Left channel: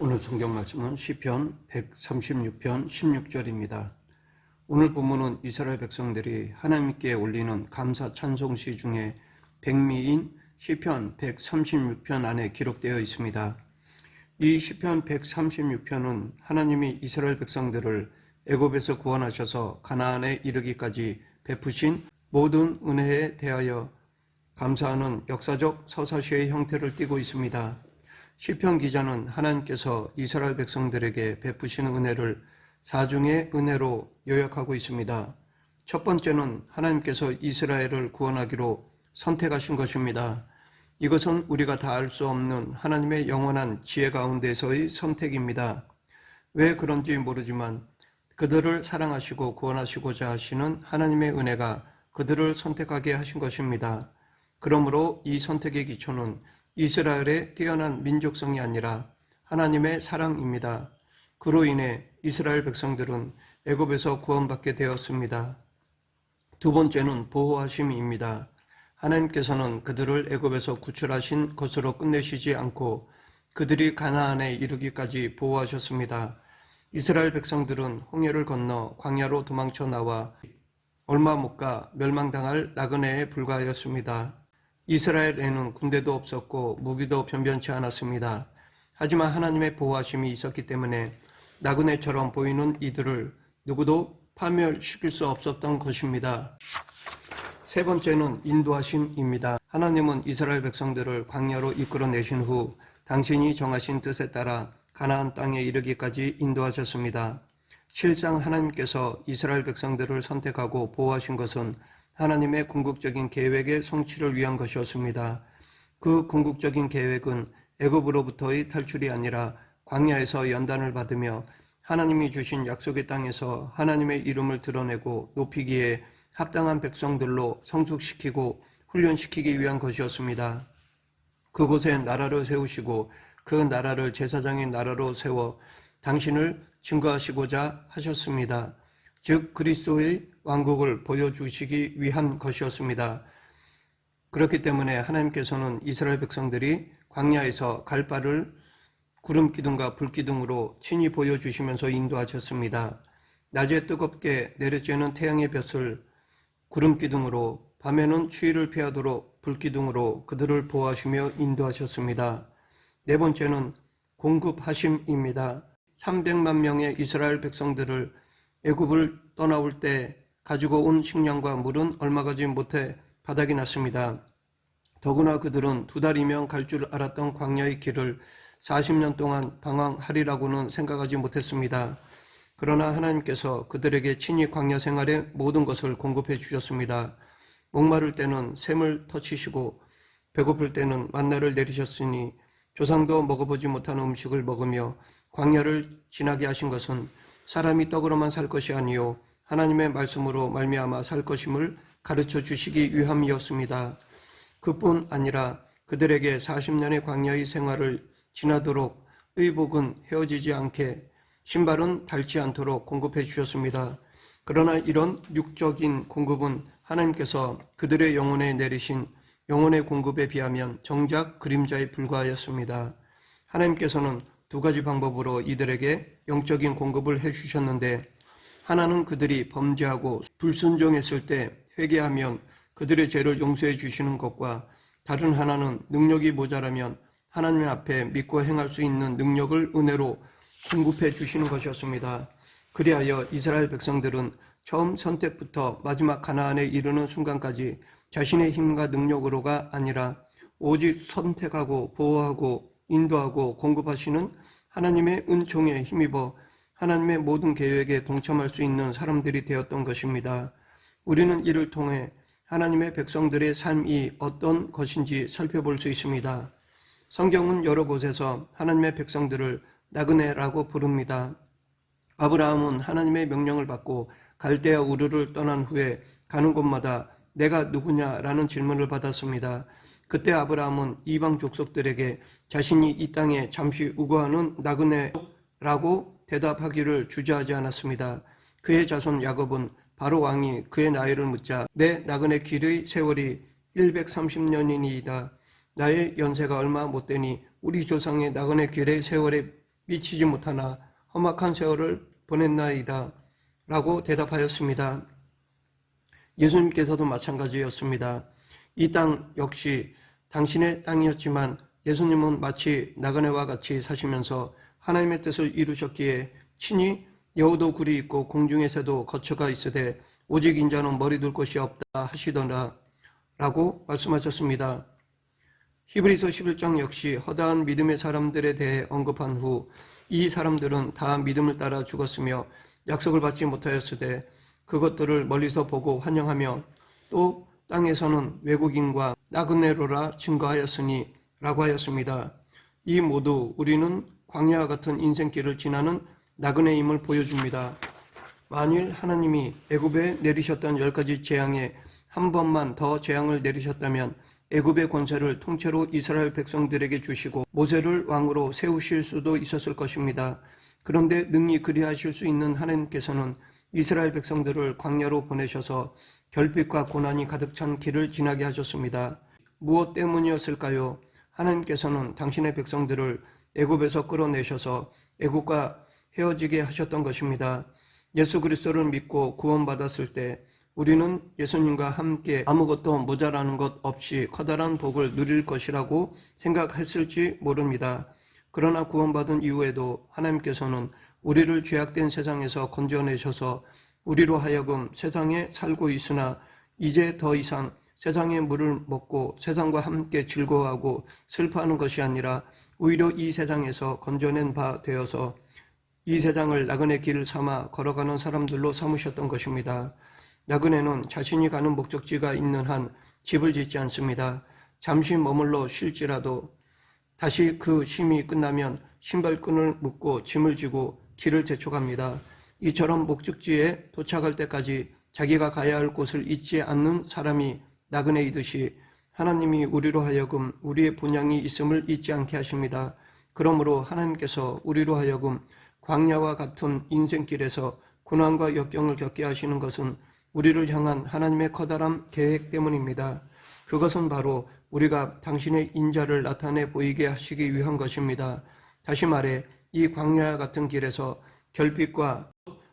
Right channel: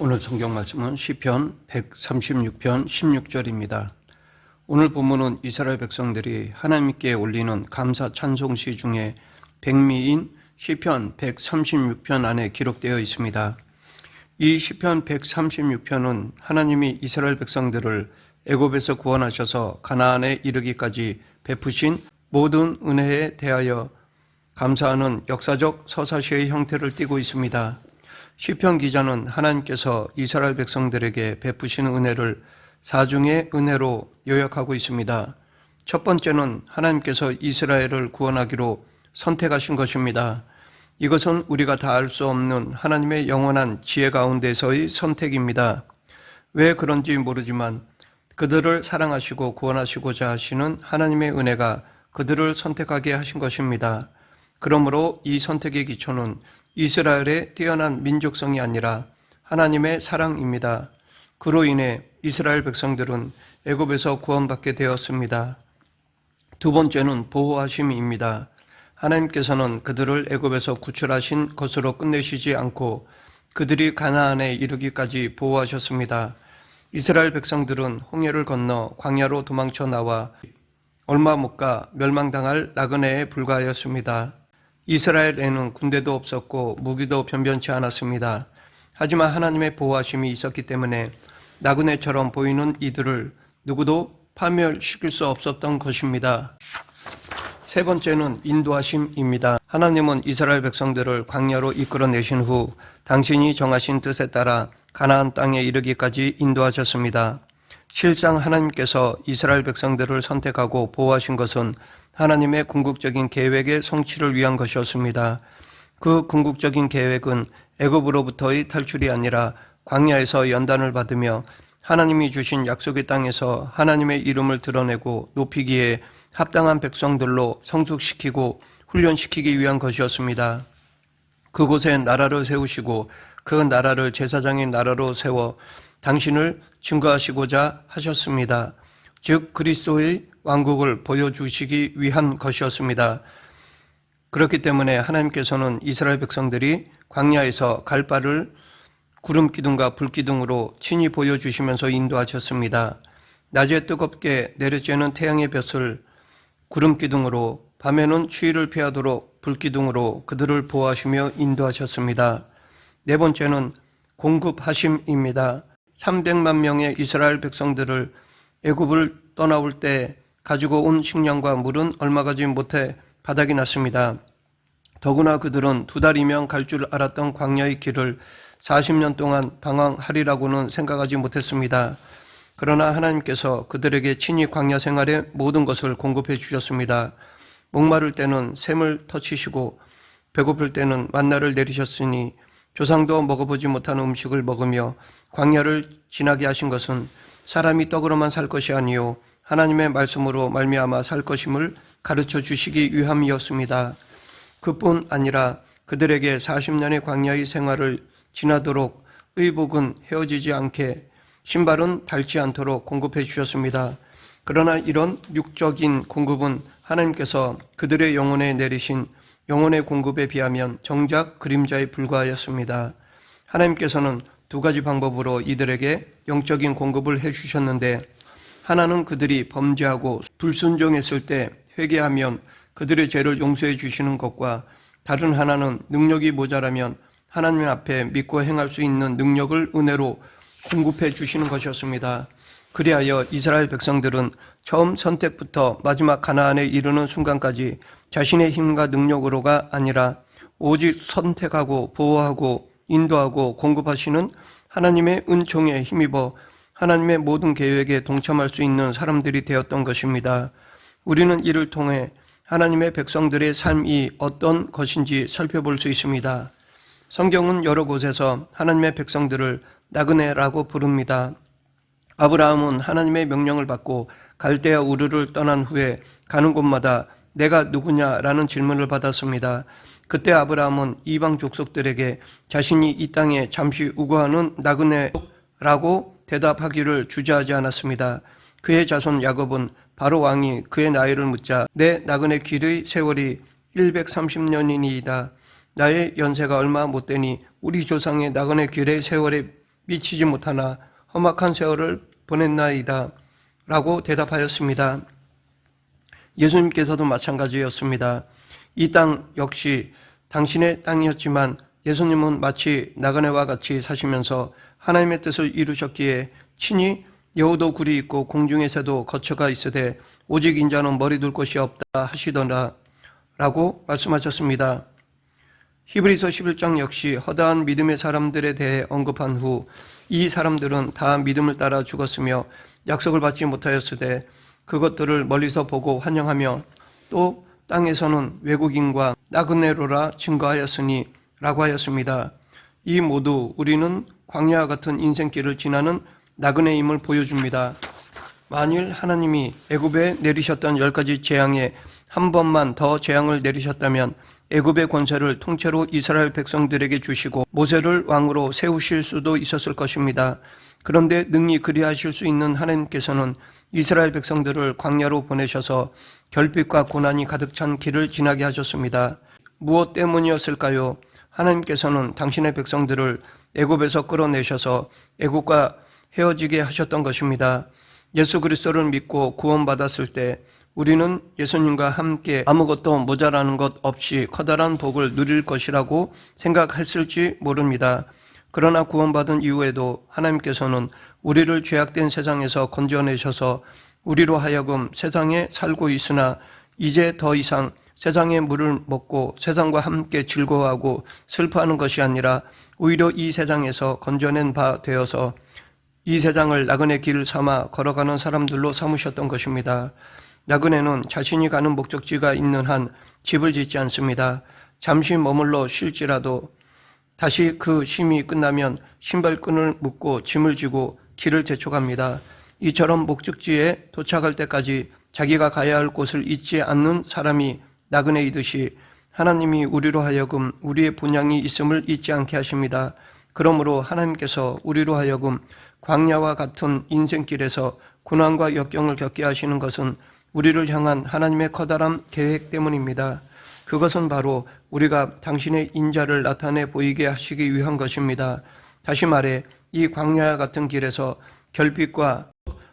오늘 성경 말씀은 시편 136편 16절입니다. 오늘 본문은 이스라엘 백성들이 하나님께 올리는 감사 찬송시 중에 백미인 시편 136편 안에 기록되어 있습니다. 이 시편 136편은 하나님이 이스라엘 백성들을 애굽에서 구원하셔서 가나안에 이르기까지 베푸신 모든 은혜에 대하여 감사하는 역사적 서사시의 형태를 띠고 있습니다. 시편 기자는 하나님께서 이스라엘 백성들에게 베푸시는 은혜를 사중의 은혜로 요약하고 있습니다. 첫 번째는 하나님께서 이스라엘을 구원하기로 선택하신 것입니다. 이것은 우리가 다 알 수 없는 하나님의 영원한 지혜 가운데서의 선택입니다. 왜 그런지 모르지만 그들을 사랑하시고 구원하시고자 하시는 하나님의 은혜가 그들을 선택하게 하신 것입니다. 그러므로 이 선택의 기초는 이스라엘의 뛰어난 민족성이 아니라 하나님의 사랑입니다. 그로 인해 이스라엘 백성들은 애굽에서 구원받게 되었습니다. 두 번째는 보호하심입니다. 하나님께서는 그들을 애굽에서 구출하신 것으로 끝내시지 않고 그들이 가나안에 이르기까지 보호하셨습니다. 이스라엘 백성들은 홍해를 건너 광야로 도망쳐 나와 얼마 못 가 멸망당할 나그네에 불과하였습니다. 이스라엘에는 군대도 없었고 무기도 변변치 않았습니다. 하지만 하나님의 보호하심이 있었기 때문에 나그네처럼 보이는 이들을 누구도 파멸시킬 수 없었던 것입니다. 세 번째는 인도하심입니다. 하나님은 이스라엘 백성들을 광야로 이끌어내신 후 당신이 정하신 뜻에 따라 가나안 땅에 이르기까지 인도하셨습니다. 실상 하나님께서 이스라엘 백성들을 선택하고 보호하신 것은 하나님의 궁극적인 계획의 성취를 위한 것이었습니다. 그 궁극적인 계획은 애굽으로부터의 탈출이 아니라 광야에서 연단을 받으며 하나님이 주신 약속의 땅에서 하나님의 이름을 드러내고 높이기에 합당한 백성들로 성숙시키고 훈련시키기 위한 것이었습니다. 그곳에 나라를 세우시고 그 나라를 제사장의 나라로 세워 당신을 증거하시고자 하셨습니다. 즉 그리스도의 왕국을 보여주시기 위한 것이었습니다. 그렇기 때문에 하나님께서는 이스라엘 백성들이 광야에서 갈 바를 구름 기둥과 불 기둥으로 친히 보여주시면서 인도하셨습니다. 낮에 뜨겁게 내려쬐는 태양의 볕을 구름 기둥으로, 밤에는 추위를 피하도록 불 기둥으로 그들을 보호하시며 인도하셨습니다. 네 번째는 공급하심입니다. 300만 명의 이스라엘 백성들을 애굽을 떠나올 때 가지고 온 식량과 물은 얼마 가지 못해 바닥이 났습니다. 더구나 그들은 2달이면 갈 줄 알았던 광야의 길을 40년 동안 방황하리라고는 생각하지 못했습니다. 그러나 하나님께서 그들에게 친히 광야 생활의 모든 것을 공급해 주셨습니다. 목마를 때는 샘을 터치시고 배고플 때는 만나를 내리셨으니 조상도 먹어보지 못한 음식을 먹으며 광야를 지나게 하신 것은 사람이 떡으로만 살 것이 아니요 하나님의 말씀으로 말미암아 살 것임을 가르쳐 주시기 위함이었습니다. 그뿐 아니라 그들에게 40년의 광야의 생활을 지나도록 의복은 헤어지지 않게 신발은 닳지 않도록 공급해 주셨습니다. 그러나 이런 육적인 공급은 하나님께서 그들의 영혼에 내리신 영혼의 공급에 비하면 정작 그림자에 불과하였습니다. 하나님께서는 2가지 방법으로 이들에게 영적인 공급을 해주셨는데 하나는 그들이 범죄하고 불순종했을 때 회개하면 그들의 죄를 용서해 주시는 것과 다른 하나는 능력이 모자라면 하나님 앞에 믿고 행할 수 있는 능력을 은혜로 공급해 주시는 것이었습니다. 그리하여 이스라엘 백성들은 처음 선택부터 마지막 가나안에 이르는 순간까지 자신의 힘과 능력으로가 아니라 오직 선택하고 보호하고 인도하고 공급하시는 하나님의 은총에 힘입어 하나님의 모든 계획에 동참할 수 있는 사람들이 되었던 것입니다. 우리는 이를 통해 하나님의 백성들의 삶이 어떤 것인지 살펴볼 수 있습니다. 성경은 여러 곳에서 하나님의 백성들을 나그네라고 부릅니다. 아브라함은 하나님의 명령을 받고 갈대아 우르를 떠난 후에 가는 곳마다 내가 누구냐라는 질문을 받았습니다. 그때 아브라함은 이방 족속들에게 자신이 이 땅에 잠시 우거하는 나그네라고 대답하기를 주저하지 않았습니다. 그의 자손 야곱은 바로 왕이 그의 나이를 묻자 내 나그네 길의 세월이 130년이니이다. 나의 연세가 얼마 못되니 우리 조상의 나그네 길의 세월에 미치지 못하나 험악한 세월을 보냈나이다 라고 대답하였습니다. 예수님께서도 마찬가지였습니다. 이 땅 역시 당신의 땅이었지만 예수님은 마치 나그네와 같이 사시면서 하나님의 뜻을 이루셨기에 친히 여우도 굴이 있고 공중의 새도 거처가 있으되 오직 인자는 머리 둘 곳이 없다 하시더라 라고 말씀하셨습니다. 히브리서 11장 역시 허다한 믿음의 사람들에 대해 언급한 후 이 사람들은 다 믿음을 따라 죽었으며 약속을 받지 못하였으되 그것들을 멀리서 보고 환영하며 또 땅에서는 외국인과 나그네로라 증거하였으니 라고 하였습니다. 이 모두 우리는 광야와 같은 인생길을 지나는 나그네임을 보여줍니다. 만일 하나님이 애굽에 내리셨던 10가지 재앙에 한 번만 더 재앙을 내리셨다면 애굽의 권세를 통째로 이스라엘 백성들에게 주시고 모세를 왕으로 세우실 수도 있었을 것입니다. 그런데 능히 그리하실 수 있는 하나님께서는 이스라엘 백성들을 광야로 보내셔서 결핍과 고난이 가득 찬 길을 지나게 하셨습니다. 무엇 때문이었을까요? 하나님께서는 당신의 백성들을 애굽에서 끌어내셔서 애굽과 헤어지게 하셨던 것입니다. 예수 그리스도를 믿고 구원받았을 때 우리는 예수님과 함께 아무것도 모자라는 것 없이 커다란 복을 누릴 것이라고 생각했을지 모릅니다. 그러나 구원받은 이후에도 하나님께서는 우리를 죄악된 세상에서 건져내셔서 우리로 하여금 세상에 살고 있으나 이제 더 이상 세상의 물을 먹고 세상과 함께 즐거워하고 슬퍼하는 것이 아니라 오히려 이 세상에서 건져낸 바 되어서 이 세상을 나그네 길 삼아 걸어가는 사람들로 삼으셨던 것입니다. 나그네는 자신이 가는 목적지가 있는 한 집을 짓지 않습니다. 잠시 머물러 쉴지라도 다시 그 쉼이 끝나면 신발끈을 묶고 짐을 지고 길을 재촉합니다. 이처럼 목적지에 도착할 때까지 자기가 가야 할 곳을 잊지 않는 사람이 나그네이듯이 하나님이 우리로 하여금 우리의 본향이 있음을 잊지 않게 하십니다. 그러므로 하나님께서 우리로 하여금 광야와 같은 인생길에서 고난과 역경을 겪게 하시는 것은 우리를 향한 하나님의 커다란 계획 때문입니다. 그것은 바로 우리가 당신의 인자를 나타내 보이게 하시기 위한 것입니다. 다시 말해 이 광야와 같은 길에서 결핍과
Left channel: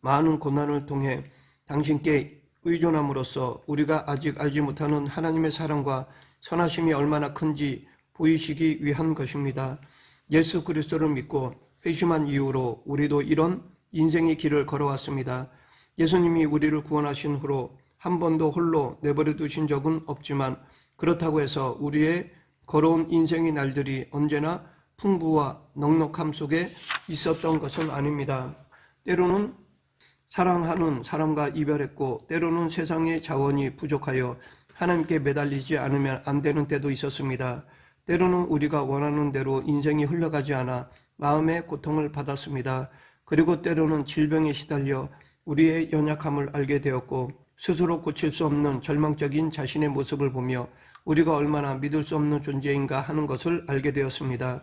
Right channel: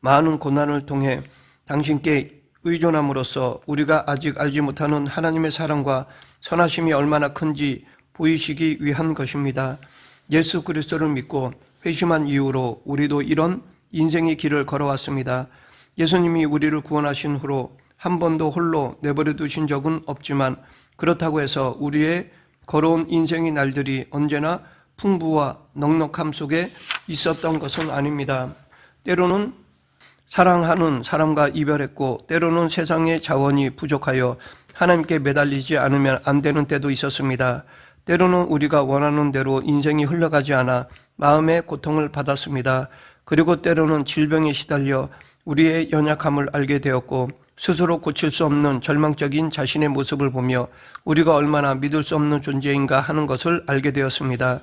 많은 고난을 통해 당신께 의존함으로써 우리가 아직 알지 못하는 하나님의 사랑과 선하심이 얼마나 큰지 보이시기 위한 것입니다. 예수 그리스도를 믿고 회심한 이후로 우리도 이런 인생의 길을 걸어왔습니다. 예수님이 우리를 구원하신 후로 한 번도 홀로 내버려 두신 적은 없지만 그렇다고 해서 우리의 걸어온 인생의 날들이 언제나 풍부와 넉넉함 속에 있었던 것은 아닙니다. 때로는 사랑하는 사람과 이별했고 때로는 세상의 자원이 부족하여 하나님께 매달리지 않으면 안 되는 때도 있었습니다. 때로는 우리가 원하는 대로 인생이 흘러가지 않아 마음의 고통을 받았습니다. 그리고 때로는 질병에 시달려 우리의 연약함을 알게 되었고 스스로 고칠 수 없는 절망적인 자신의 모습을 보며 우리가 얼마나 믿을 수 없는 존재인가 하는 것을 알게 되었습니다.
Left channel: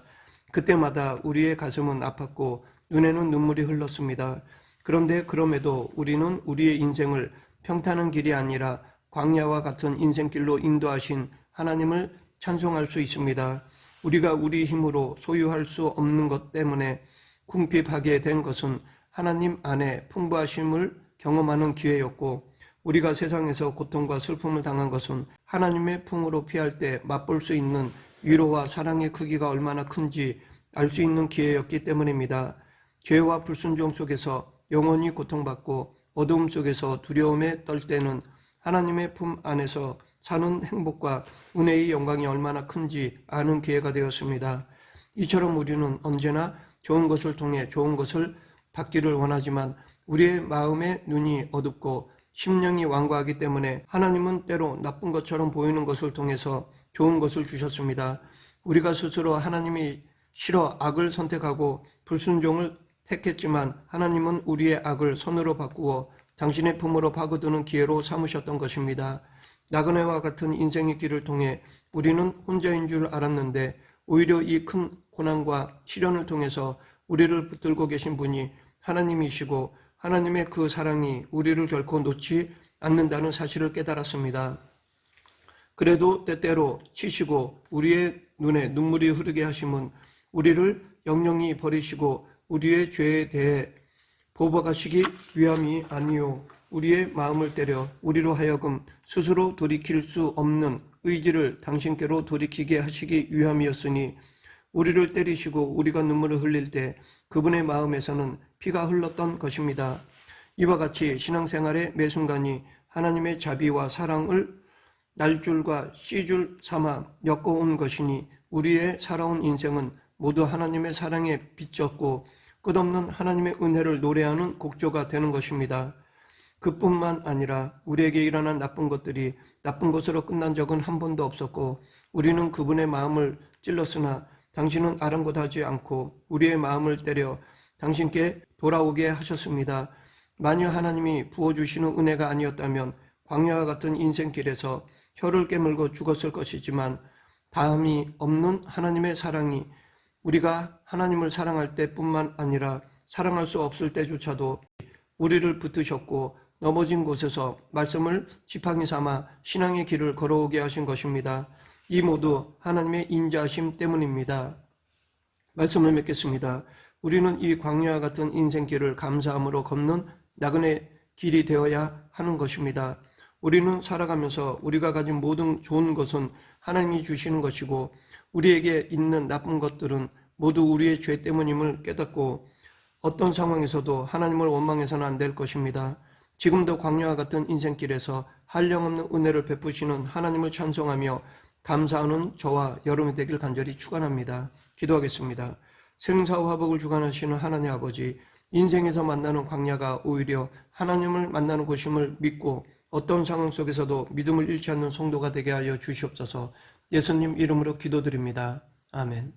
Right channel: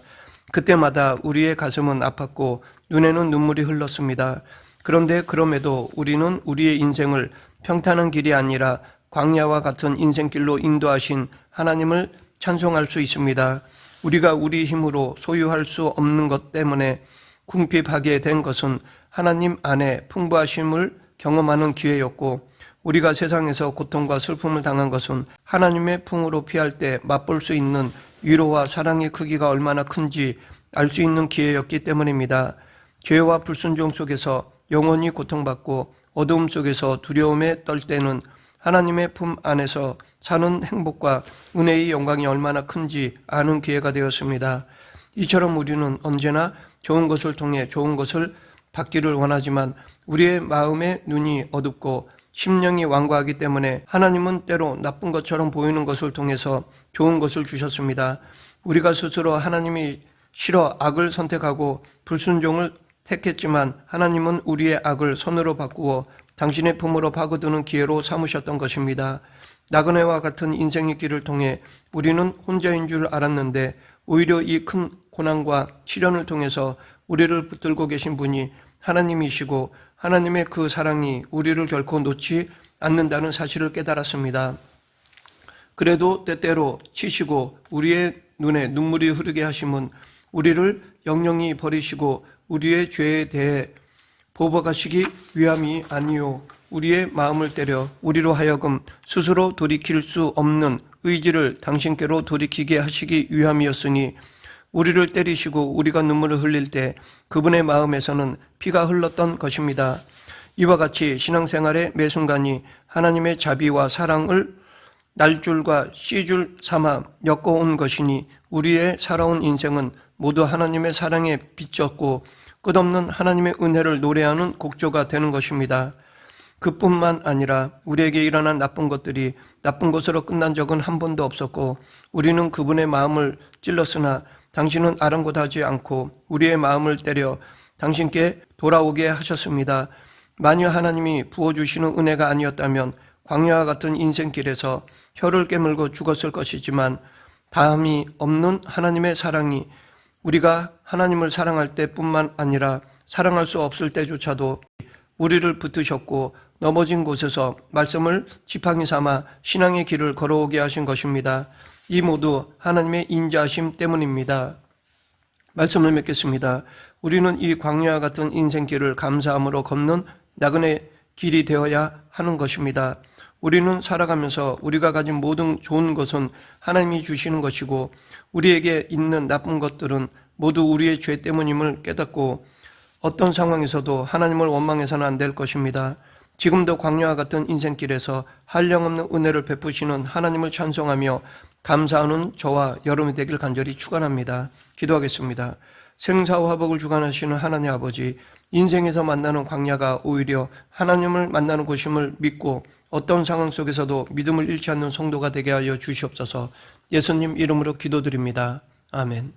그때마다 우리의 가슴은 아팠고 눈에는 눈물이 흘렀습니다. 그런데 그럼에도 우리는 우리의 인생을 평탄한 길이 아니라 광야와 같은 인생길로 인도하신 하나님을 찬송할 수 있습니다. 우리가 우리 힘으로 소유할 수 없는 것 때문에 궁핍하게 된 것은 하나님 안에 풍부하심을 경험하는 기회였고 우리가 세상에서 고통과 슬픔을 당한 것은 하나님의 풍으로 피할 때 맛볼 수 있는 위로와 사랑의 크기가 얼마나 큰지 알 수 있는 기회였기 때문입니다. 죄와 불순종 속에서 영원히 고통받고 어두움 속에서 두려움에 떨 때는 하나님의 품 안에서 사는 행복과 은혜의 영광이 얼마나 큰지 아는 기회가 되었습니다. 이처럼 우리는 언제나 좋은 것을 통해 좋은 것을 받기를 원하지만 우리의 마음의 눈이 어둡고 심령이 완고하기 때문에 하나님은 때로 나쁜 것처럼 보이는 것을 통해서 좋은 것을 주셨습니다. 우리가 스스로 하나님이 싫어 악을 선택하고 불순종을 택했지만 하나님은 우리의 악을 선으로 바꾸어 당신의 품으로 파고드는 기회로 삼으셨던 것입니다. 나그네와 같은 인생의 길을 통해 우리는 혼자인 줄 알았는데 오히려 이 큰 고난과 시련을 통해서 우리를 붙들고 계신 분이 하나님이시고 하나님의 그 사랑이 우리를 결코 놓지 않는다는 사실을 깨달았습니다. 그래도 때때로 치시고 우리의 눈에 눈물이 흐르게 하심은 우리를 영영히 버리시고 우리의 죄에 대해 보복하시기 위함이 아니요 우리의 마음을 때려 우리로 하여금 스스로 돌이킬 수 없는 의지를 당신께로 돌이키게 하시기 위함이었으니 우리를 때리시고 우리가 눈물을 흘릴 때 그분의 마음에서는 피가 흘렀던 것입니다. 이와 같이 신앙생활의 매 순간이 하나님의 자비와 사랑을 날줄과 씨줄 삼아 엮어온 것이니 우리의 살아온 인생은 모두 하나님의 사랑에 비쳤고 끝없는 하나님의 은혜를 노래하는 곡조가 되는 것입니다. 그뿐만 아니라 우리에게 일어난 나쁜 것들이 나쁜 것으로 끝난 적은 한 번도 없었고 우리는 그분의 마음을 찔렀으나 당신은 아랑곳하지 않고 우리의 마음을 때려 당신께 돌아오게 하셨습니다. 만일 하나님이 부어주시는 은혜가 아니었다면 광야와 같은 인생길에서 혀를 깨물고 죽었을 것이지만 다함이 없는 하나님의 사랑이 우리가 하나님을 사랑할 때뿐만 아니라 사랑할 수 없을 때조차도 우리를 붙드셨고 넘어진 곳에서 말씀을 지팡이 삼아 신앙의 길을 걸어오게 하신 것입니다. 이 모두 하나님의 인자하심 때문입니다. 말씀을 맺겠습니다. 우리는 이 광야와 같은 인생길을 감사함으로 걷는 나그네 길이 되어야 하는 것입니다. 우리는 살아가면서 우리가 가진 모든 좋은 것은 하나님이 주시는 것이고 우리에게 있는 나쁜 것들은 모두 우리의 죄 때문임을 깨닫고 어떤 상황에서도 하나님을 원망해서는 안 될 것입니다. 지금도 광야와 같은 인생길에서 한량없는 은혜를 베푸시는 하나님을 찬송하며 감사하는 저와 여러분이 되길 간절히 축원합니다. 기도하겠습니다. 생사와 화복을 주관하시는 하나님 아버지, 인생에서 만나는 광야가 오히려 하나님을 만나는 곳임을 믿고 어떤 상황 속에서도 믿음을 잃지 않는 성도가 되게 하여 주시옵소서. 예수님 이름으로 기도드립니다. 아멘.